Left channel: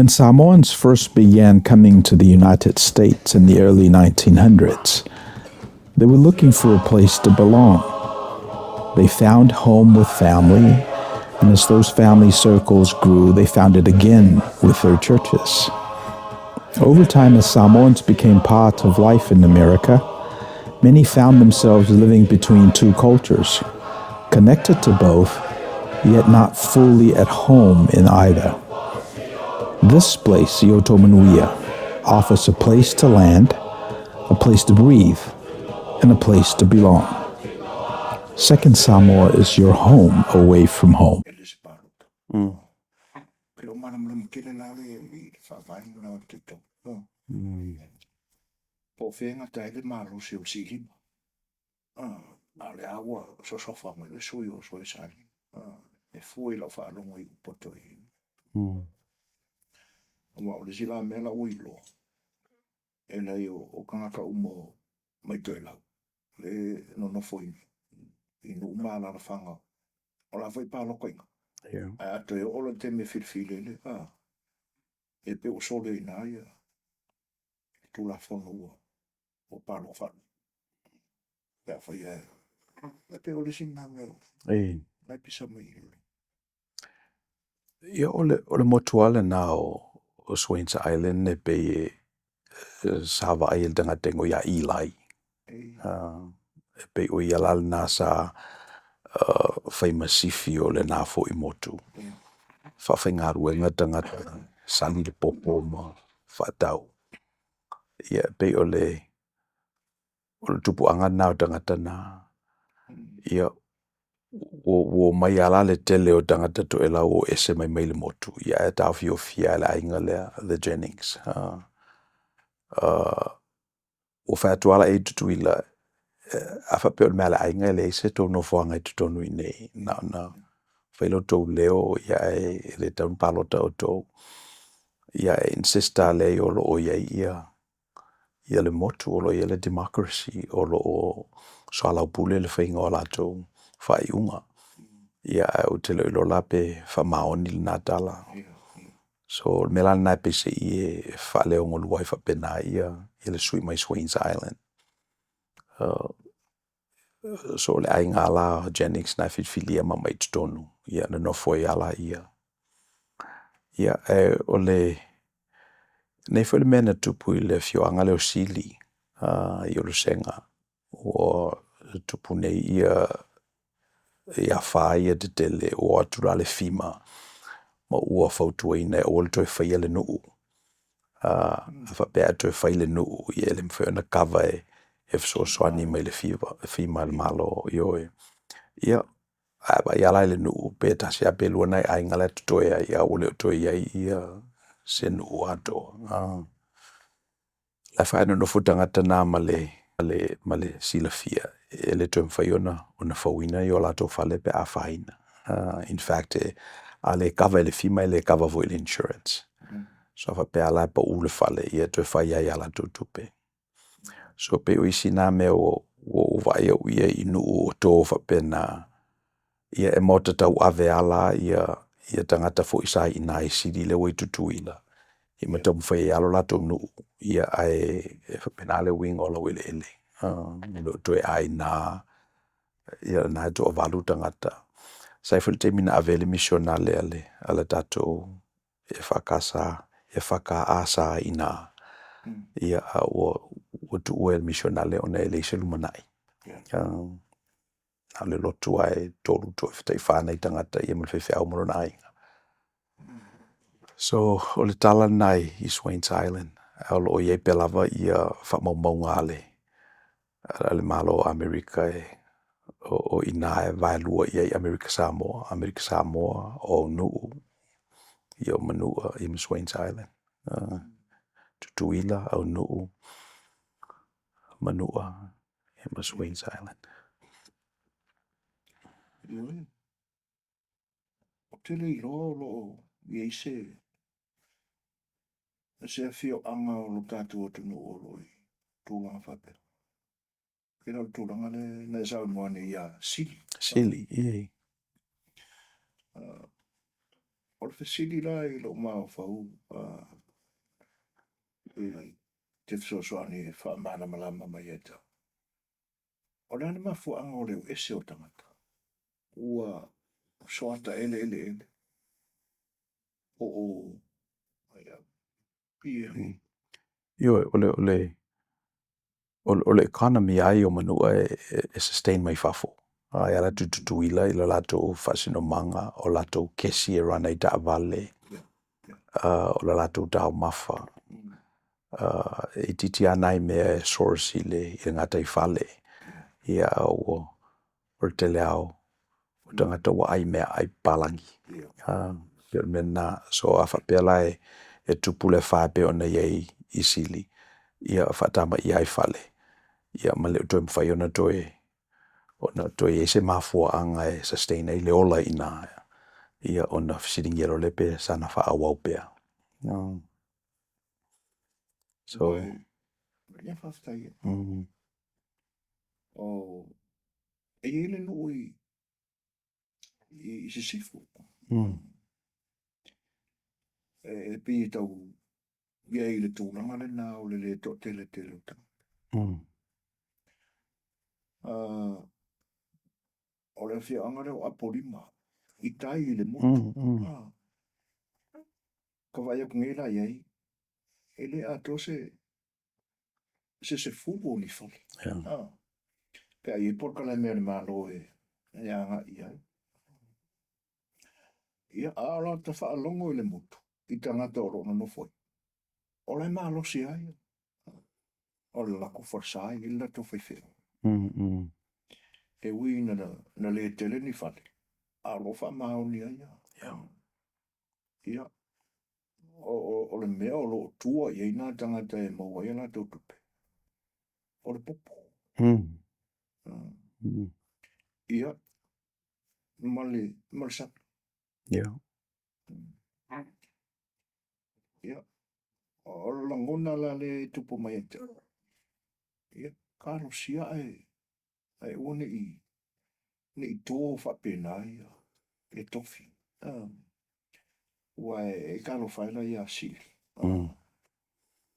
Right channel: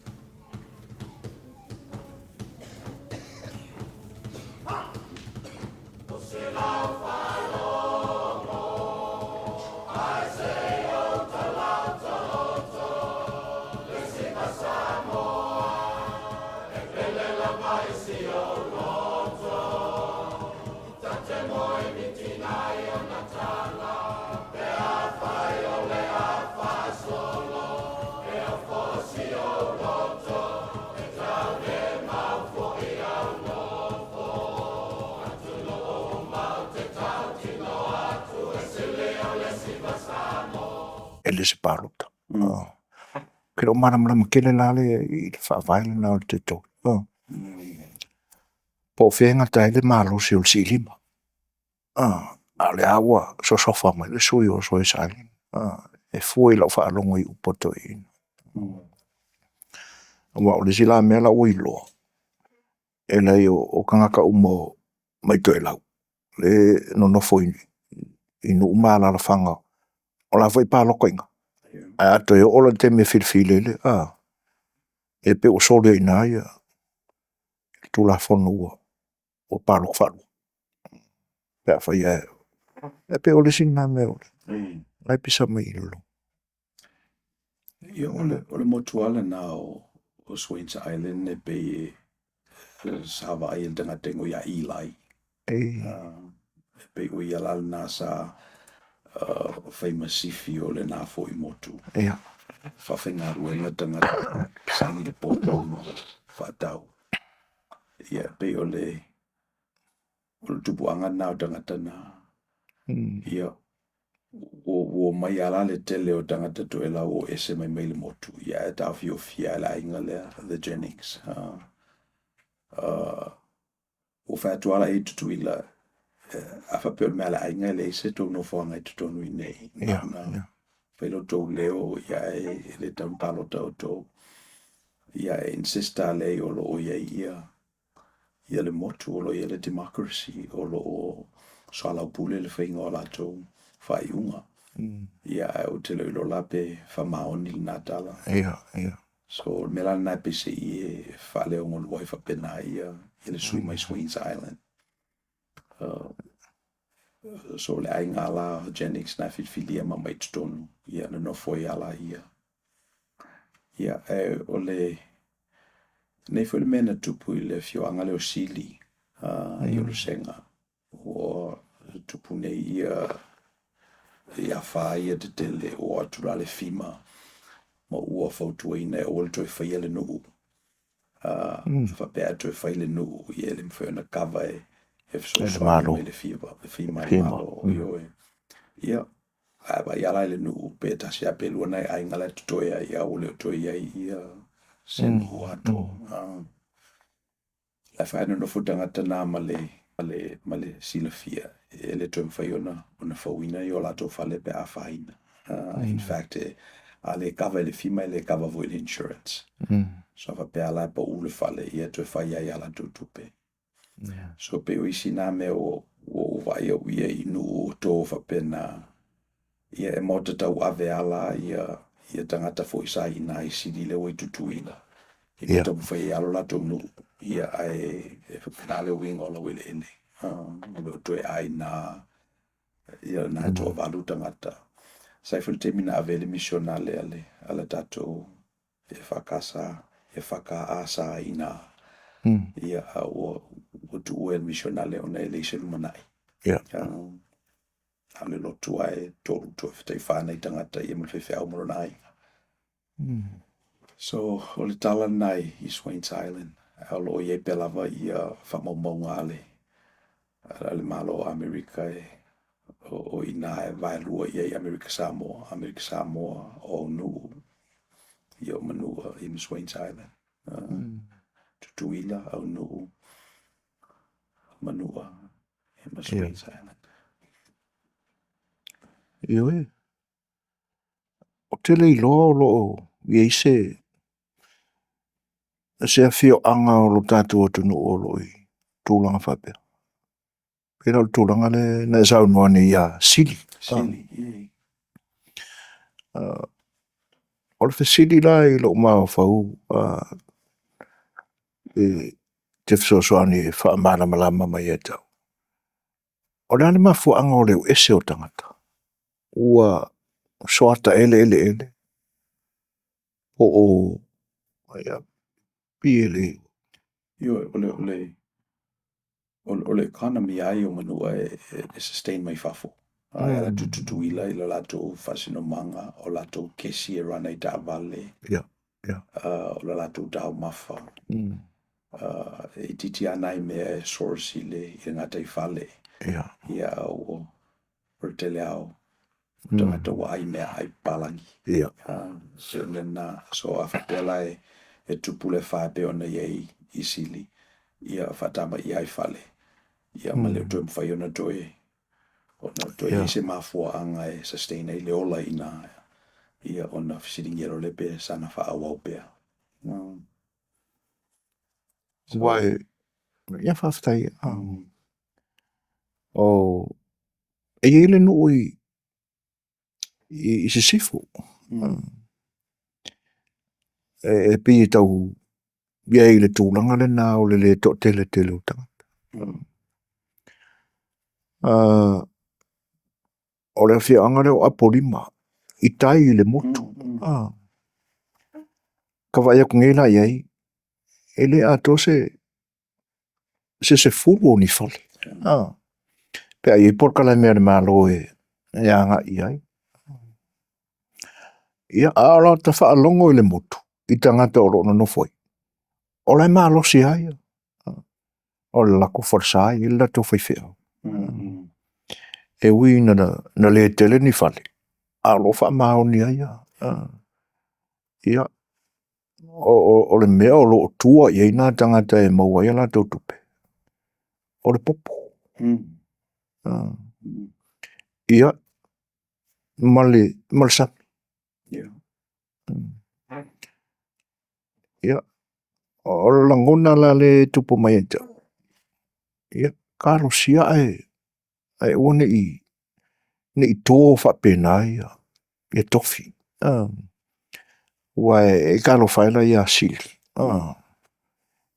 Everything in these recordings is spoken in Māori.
When Samoans first began coming to the United States in the early 1900s, they were looking for a place to belong. They found home with family, and as those family circles grew, they found it again with their churches. Over time, as Samoans became part of life in America, many found themselves living between two cultures, connected to both, yet not fully at home in either. This place, Manuia, offers a place to land, a place to breathe, and a place to belong. Second Samoa is your home away from home. Kero maramara kele lale I whaawaile na o te tō. Po whenga taile malo si o si lima. A le awa so sofa mai le sui o so e sali. E fui lau whaalongo I upoto I. Wa o le sila mea la uiloa. E lei o kangaka umo mai to e lau. Le no nofo inu umala la whanga. O la vai pāloko inga. A ato e ola te me whirwhilele. E pe o sole ina ia. Tu la whonu ua. O pāloko whalu. Pea whai e. E pe o le sina me o le. Lai pisa mai ilo. Ia o le motuale nā o Swains Island e pe sawa ai el tanga tengo ia Eli. E pe o ia lal nā sa whai masifi o le nā fo I motu. Whawhai ngā ruenga tangata sani le popo mo whatau. Ia pe o le tupuanga nā o tangata nā. Ia o mai ala le tele o tangata to ela o ese mai le motu. Ia e tawhi o fia le ainga le Jennings. O whaatuala e tutuila a whape o le mea le ainga le ese tō no whanga I tutonu I nei. Whailo tō leo ia e le taun palota o tō. Ia e insista le o lo o ia le motu o lo ia le democracy o lo o soalau pule le whainga o la tō whaiunga. Ia o te leo lo lape whamaoni le nātala. So mela nai pese I e whaleo ngolua I whapena ia le sui mai Swains Island. So le ai ngā la Jennings nai whitwhilia ma mai tutonu. Ia na nofo I ala ia. Ia o le nei fo le mena tupu I le fioanga leo sili. I o le senga. O tupu nei ia whaia te tele o atura le fima. Ma ua whautua ina o le toi whaia le nuu. Whapea toi whai le nuu I ele mwhai na kawa e so swani mai le fima le malo I oe. Ia ia lai le nuu pe tasi a pelua nai ai ngale tutoia ia ule o toi ia se nuu ato. La whaia no futangata nā ma le silafia. Ele toi mwhai ona whauina I o lato whale pe a whaina. In fact, a le kava le fima le kava vo le insurance. So fa pe ala pa ule fale ia toi whai ai ala tutupe. So pe o isi nā me o vai o ia inu o tō whapena ia e mota tau ave ala ia tangata fo isa I nā I siri le wei tutuila. I me tau mwhai alo lato nu ia ai whapena le wing ola wele ele. Me toi ai nā ia nā e toa walu tangata. Sai fo te mina avele missionale ale tato e whakasa e whakaasa I nā. Ia o tu ue missionale o nei leise lumanai. Ale lotu ai tolu to e whanai tangata ia mwhai whiau morona ai. So o le tala nai I Swains Island. Aolo o iei pelava ia whamaumaunga ale. Ale malo Amerika o ina e vailua iei Amerika Samoa o nuu. Ia o Manuia I Swains Island. Tutuila au nuu. Manuia I Swains Island. Ioi. O te lei loa o loo iei se a fio anga o lo tātou atu no o lo I tūlanga whapea. Pera o tūlanga le na sau noa ni ia sili. Sili, o le fesili la I lo ma fau te fesoasoani e whaamana malama mai e tau. O le ane mafuanga o leo ese o tangata. Ua soata ele. O ia pi ele. Io, ole economy ai o Manua e sustain mai fafo. Ai ala tutuila I la lato whasinomanga o lato kesi e rana I ta vale. Ia. O la lato tau mafa. I titi anai mea e source I ngata I fale. Ia. Ia o te leo o tangata wa ai mea ai palangi. Ia. Nena so a whapela e tupule whape o na iei I sili. Ia whatama I ai fale. Ia ma leo toi mwhaiona toi ona toi Ia. se mafua anga e sustain I le ola ina. Ia ona fisiringero lepe sana whaawau pea. Wai, ia whaftai. O, e ele no I se sifu. E pi tau, ia ele tūlanga le nā o le to tele utanga. O le fia anga leo apolima. I tai I le motu. Ka vai aku ngela iai. Ele ato se fulu o ni fale. Pea I porka la mea le malo e anga iai. Ia ala ta wha alongo I le motu. I tangata o rono no foi. O lai malo si ai. O le lako forsai. I la to fai fea. E ui na le tele ni fale. Alo wha mao ni ai. Ia. O le mea o lo tua I nā tangata e maua I la to tupe. O le popo. Ia. Male sa. Ia. O le langona la le tupo mai e tau. Ia. Karo sia e one I tō whapena ia. E tofi. Ua e karo whaela ia sili.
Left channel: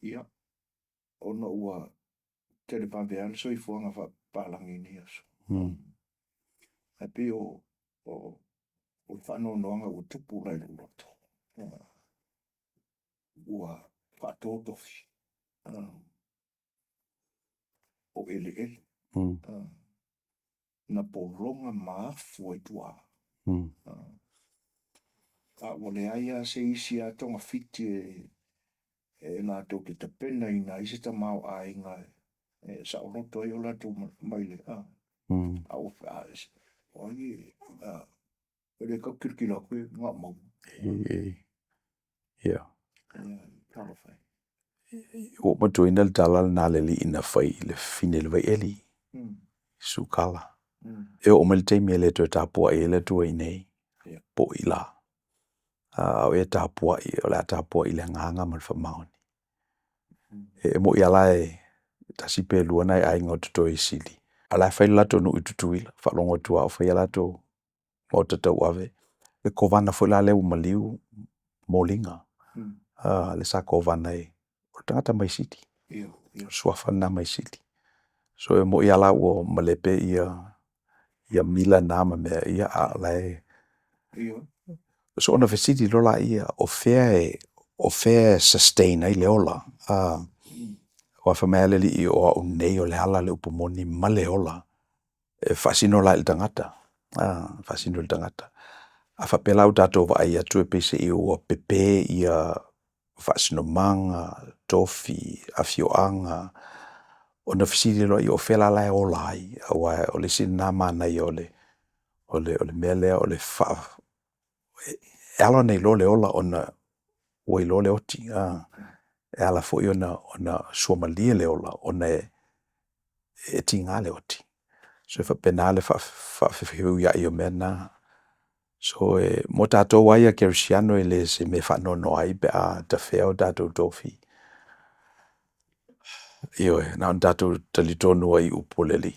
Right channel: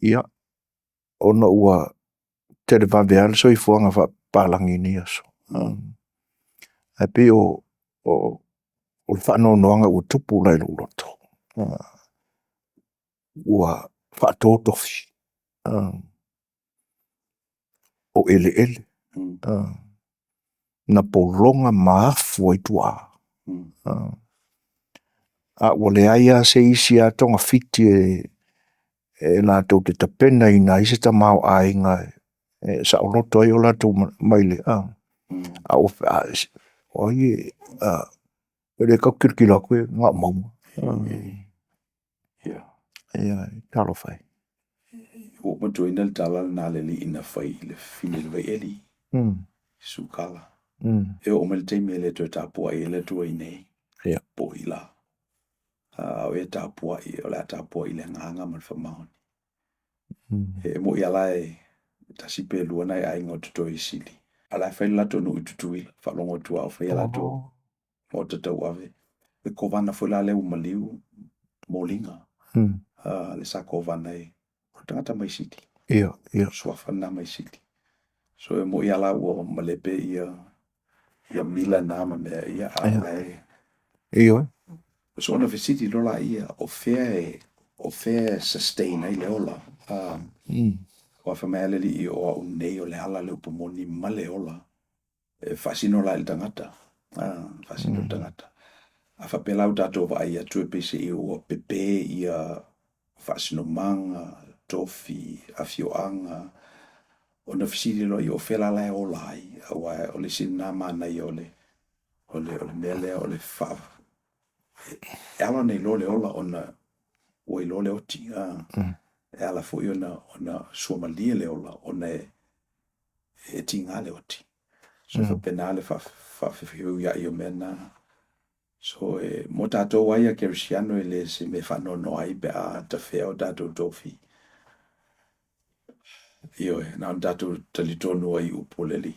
Ia. Ona ua tere waweale so I fuanga whapalangi ni aso. E pe o whanonoanga ua tupu lai luloto. Ua whato tofi. O ele. Na polonga maafu ai tua. Ua le aia se isi a tonga fiti e la tau te tapena I na isi ta mau ainga sa o loto ai o la tau maile. O ie le kau kirkila koe ngā mauma. Ia. Ia, Talofa. O matuina le talala nā le li ina whai le fine le vai eli. Sukala. E o me le teimi e le tue tāpua I le tue I nei. Ia. Po I la. O e tāpua I, o le tāpua I le nganga man whamaoni. E mo I ala e tasipe luana ai ngau tuto I sili. Ala whai lato nu I tutuila, whalongo tua o whai lato o tatau ave. Le kovana whai la leu maliu, molinga. Le sa kovana e, o tangata mai sili. Ia. Suafana mai sili. So e mo I ala o malepe ia mila nama mea ia ala e. Ia. So ona fesiti lola ia o fair sustain ai le ola. O whamele li I o nei o le hala le upomoni ma le ola. E fasino la il tangata. Fasino il tangata. A whapelau tato wa ai atu e pese I o pepe ia fasino manga, tofi, afioanga. Ona fesiti lola I o fela lai ola ai. O le sinama nei o le mele o le fa. E ala nei lo le ola ona oi lo le oti. E ala foi ona suomalia le ola ona e tinga le oti. So fa penale fa fiu ya io mena. So mo tato wai a kersiano ele se me fa no ai be a ta feo dato tofi. Io na dato talitono ai upoleli.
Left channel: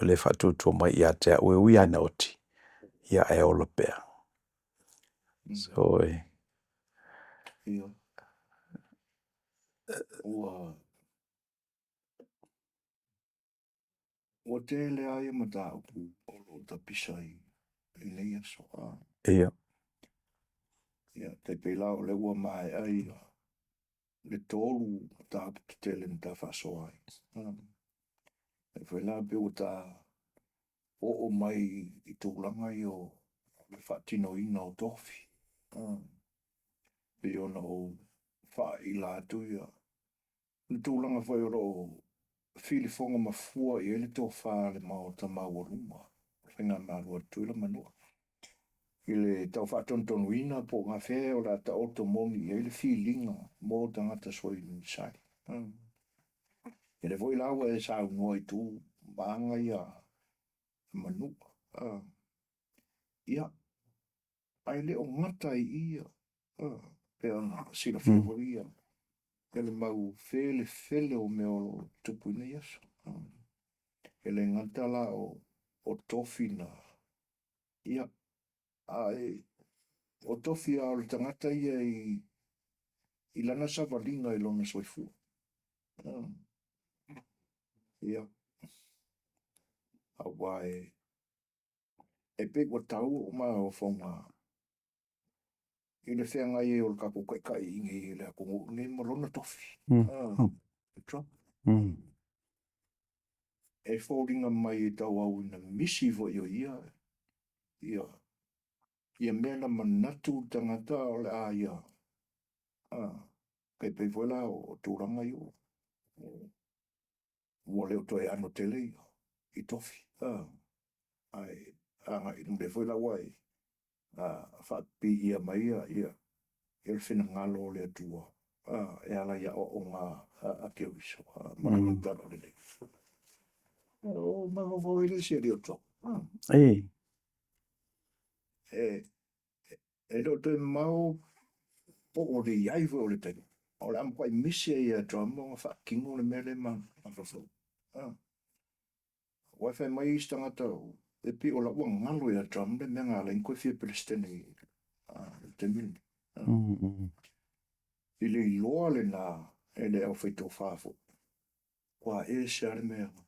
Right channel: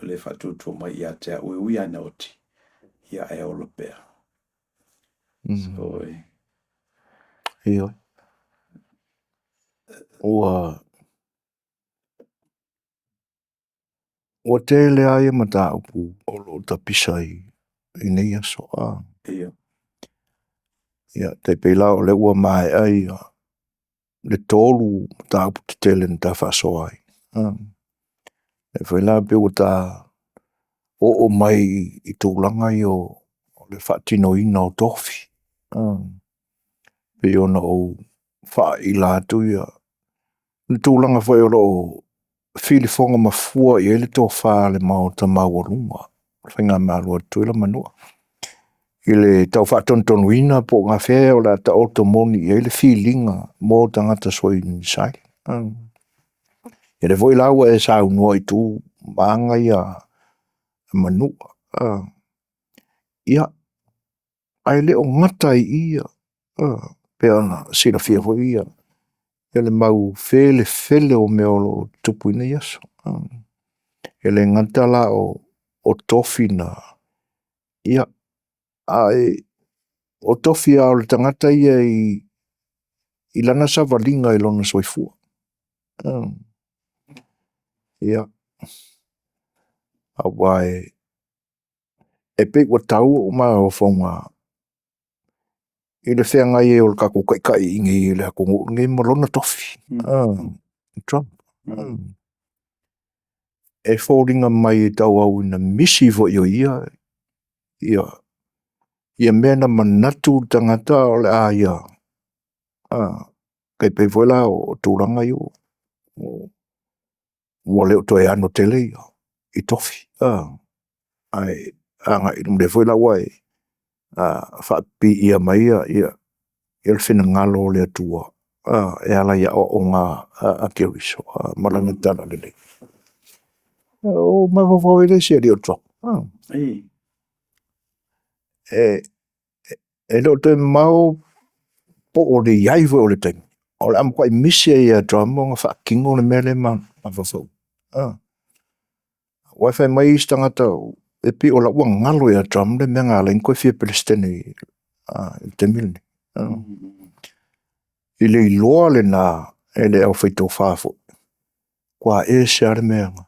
O le fa tu mai ia te ui ana oti. Ia e ola pea. So, Ia. Ua tele ai mata upu o lo tapisa I nei aso. ia. Ia, te peila o le ua mai ai le tolu mata upu te tele na ta whasoa ai. E whaila pe o ta o mai I tūlanga I o le whaatino ina o tofi. Pe ona o wha I la atu ia. Le tūlanga whai o lo whilifonga mafua I ele tō wha le mao ta maua runga. Whainga maalua tuila manua. I le tau whaatontonu ina po ngā whea o la ta oto moni I ele whilinga mō tangata soi ni sai. E le voi laua e sa unua I tū maanga ia manua. Ia, ai leo ngata I ia. Pe ana sila fia hoi ia. Ia le mau fele o meolo tupu ina iaso. E le ngata la o tofi na. Ia, ai o tofi a o le tangata ia I lana sa valinga I lona soifua. Ia. Awai. E pe wa tau o ma o whaunga. I le whea ngai e o le kako kai ingi I le hakungu. Ngai malona tofi. Trump. E whōringa mai e tau au ina misi vo I o ia. Ia mena manatu tangata o le a ia. Kai pe voila o tūranga I o. Mua leo toi ano tele I tofi. Ai, anga I le voila wai. Whaapi ia mai ia le whina ngalo le atua. E ala ia o ngā a kewiso. Maranga tana lele. O mawawau ele se rio trok. E leo toi mau po o le iai vo o le teng. O le am kwai misi ia drama ngā whaakingo le mele mawawau. Wai mai I stangata e pi o la ua ngalo ia drama le mea ngā lain koe fia Palestine I te milni. I le iloa le nā e le au whaito whāfo. Kua e se are mea ngā.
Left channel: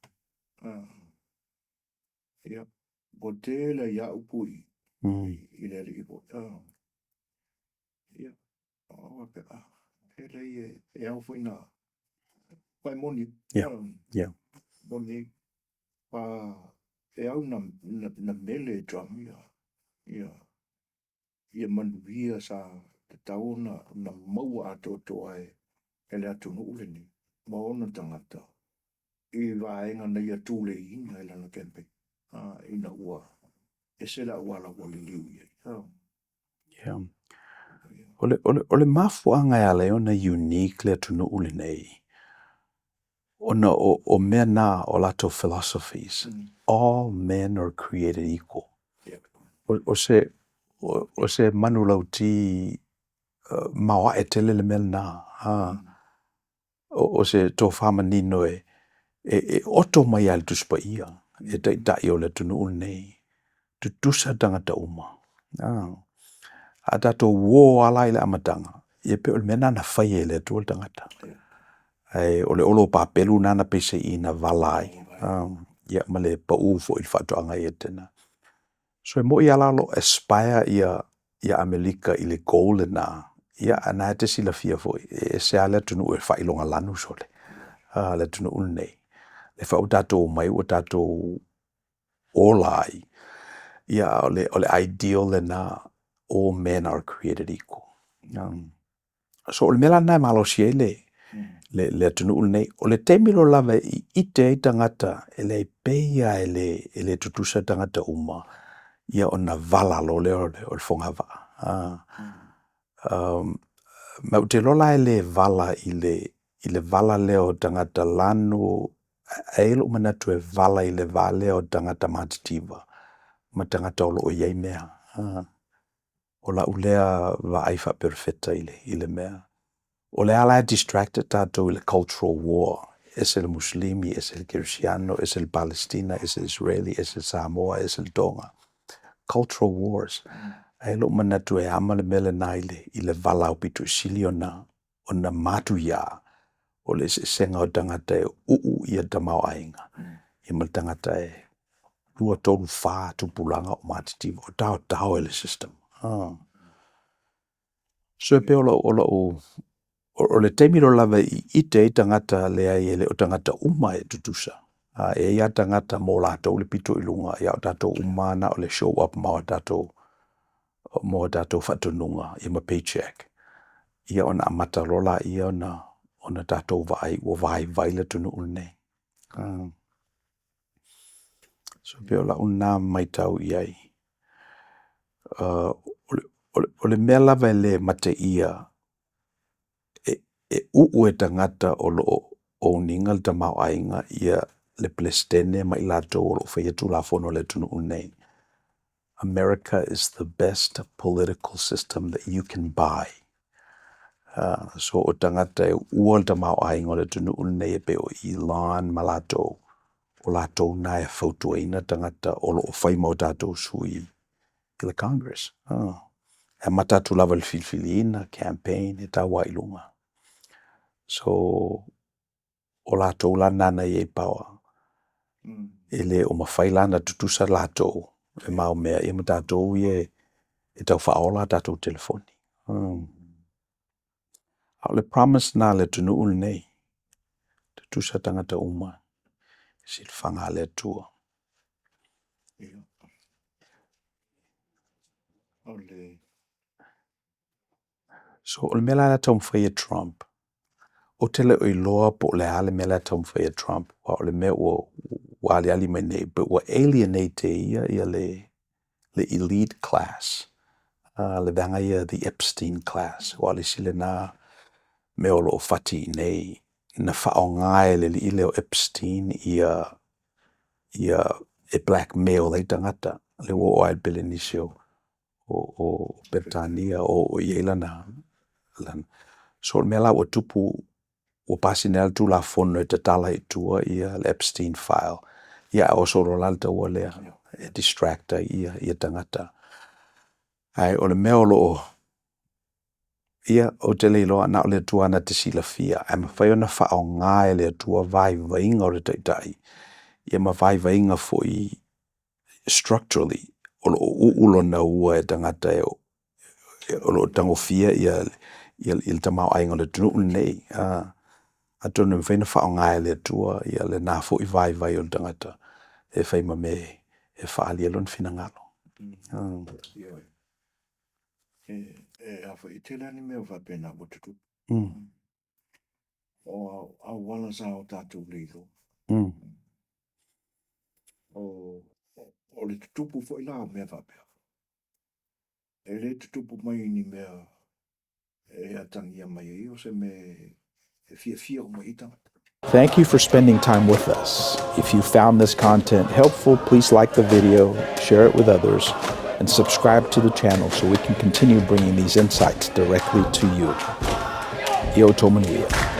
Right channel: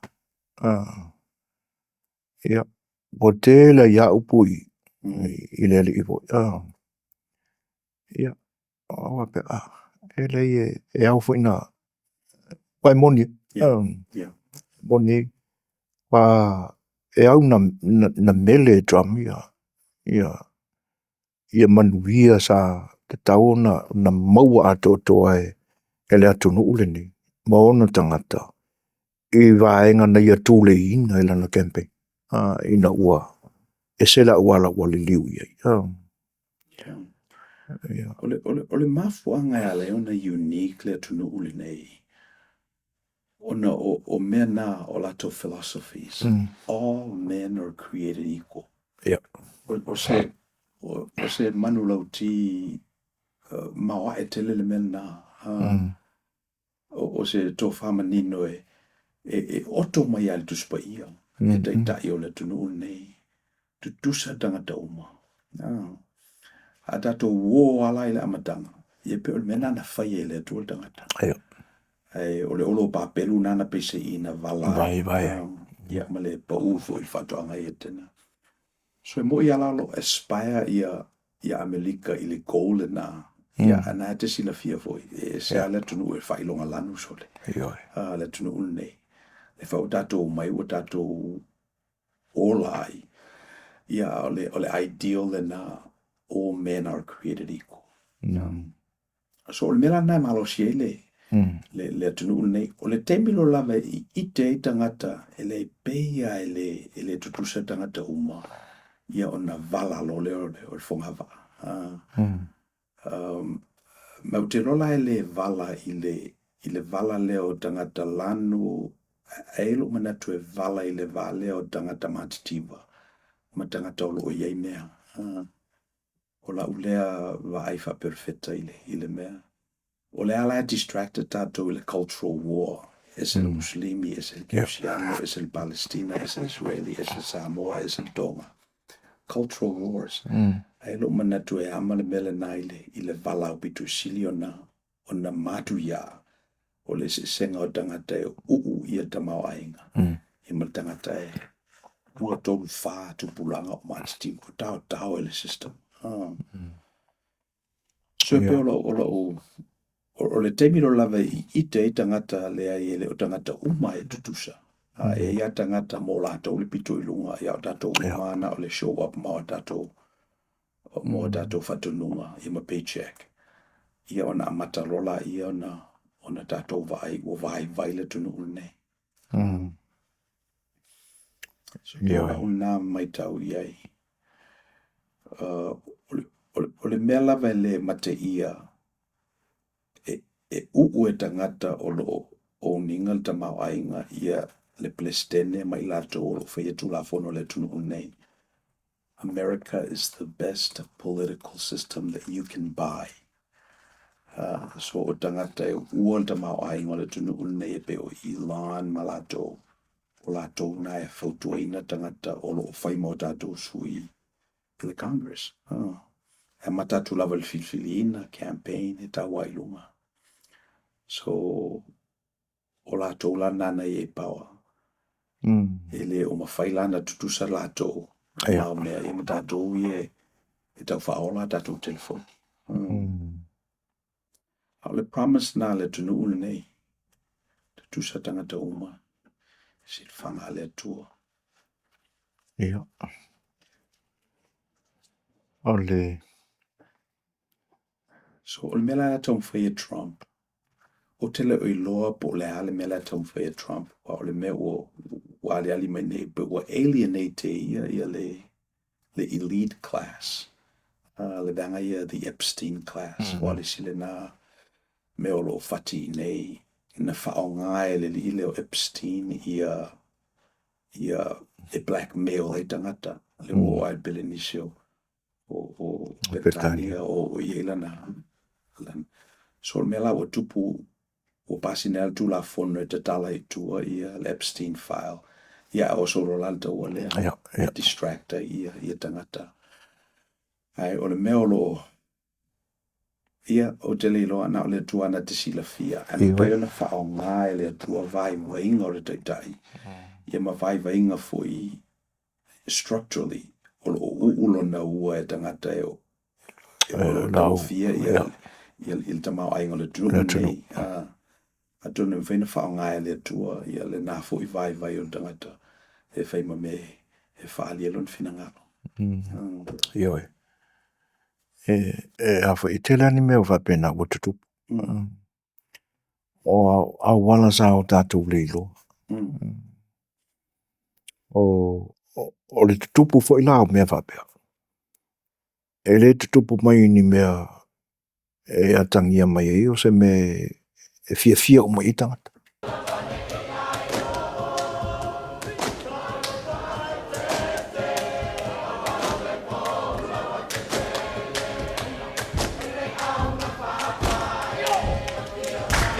Ia. O tēla ia upui I le li iwo. Ia. Awa pe e le e au whaina. Wai moni. Moni. Wa e au na mele drum ia. Ia manuia sa te tau na maua ato toa e le atu nuule ni. Maona tangata. I vaenga na ia tūle ina I lana camping. Ina ua. E sela ua la ua li liu ia. O le mafuanga ia leo na unique le atu nuule nei. Ona o mea nā o lato philosophies. All men are created equal. O se manu lau ti mawa e tele le mea nā. O se tō whamanino e oto mai ali tuspa ia. E tai o le tunu nei. Tu tusa tangata uma. A tato wo ala ile amatanga. Ia pe o le mea nā na whai e le tu o tangata. Ai o le olo papelu nana pese I na valai. Ia ma le pa ufo I whatoanga I tena. So mo I ala lo aspire ia Amerika I le goal na. Ia ana te sila fia foi. E se ala tunu e whailonga lanu sole. Le tunu unei. Le whau tato mai o tato olai. Ia o le ideal le na all men are created equal. So o le mela nai malo siele. Le tunu nei o le temilo lava I ite I tangata ele peia ele tutusa tangata uma ia ona vala lo le o le fongava ma te lola ele vala I le vala leo tangata lanu aelo manatu e vala I le vale o tangata matitiva ma tangata o iai mea o la ulea va aifa perfetta I le mea. O le ala distracted tato I le cultural war. Es el muslimi, es el cristiano, es el palestina, es el israeli, es el Samoa, es el Tonga. Cultural wars. Ai lo mana tu e ama le mele naile I le valau pitu sili ona Manuia o le senga o tangata e uu ia tamau ainga. I ma tangata e ua tolu wha tupulanga o matiti o tau le system. So pe o le teimi lo lava I te tangata le ai ele o tangata uma e tutusa. E ia tangata mo latou le pito ilunga ia o tatou umana o le show up ma o tatou whatununga I ma paycheck. Ia ona amata lola ia ona tatou vai le tunu ulne. So pe ola una mai tau iai. O le mea lava le mate ia e uu e tangata o o ninga le tamau ainga ia le plestene ma I latou o lo whaiatu la fono le tunu ulne. America is the best political system that you can buy. So o tangata e ua le tamau ainga o le tunu ulne e pe o Elon ma latou. O latou na e whautuaina tangata o lo whaima o tatou sui I le Congress. E matatu lava le filfiliina, campaign, e taua ilunga. So, o latou la nana I e paua. Ele o mawhailana tutusa latou. Mau mea e matatou e tau whaola tatou telefoni. Au le promise na le tunu ul nei. Tutusa tangata uma. Sil whanga le tua. Ia. Ole. So, o le mela la tau mwhai Trump. O tele o iloa po le ale mela tau mwhai Trump. Wa o le mea ua wale ali mai nei. But ua alienate ia le elite class. Le danga ia the Epstein class. Wale sile na me o lo fati nei. Na whaongae le li ile o Epstein ia e blackmail e tangata. Le wo ai Belinisio o Britania o ia na. So me la o tupu o pasinel tu la fono e te tala I tua ia le Epstein file. Ia o so lo lalta o le distracta ia tangata. Ai o le mea lo ia o te leilo ana o le tua na te sila fia. Ai ma whai ona whaonga e le tua vai vainga o le taitai. Ia ma vai vainga foi structurally o lo uulo na ua e tangata e o lo tamo fia ia il tamau ainga le tunu nei. A tonu mwhaina whaonga e le tua ia le nā foi vai o le tangata. E whai ma me e whaali e lon fina ngalo. Ioi. Awha I tele ani mea whapena o tutupu. O au wala sa o tātou leilo. O le tutupu fo I lao mea whapea. E le tutupu mai ni mea e atangia mai e o se me e fia o mai I tangata. Thank you for spending time with us. If you found this content helpful, please like the video, share it with others, and subscribe to the channel so we can continue bringing these insights directly to you. Manuia.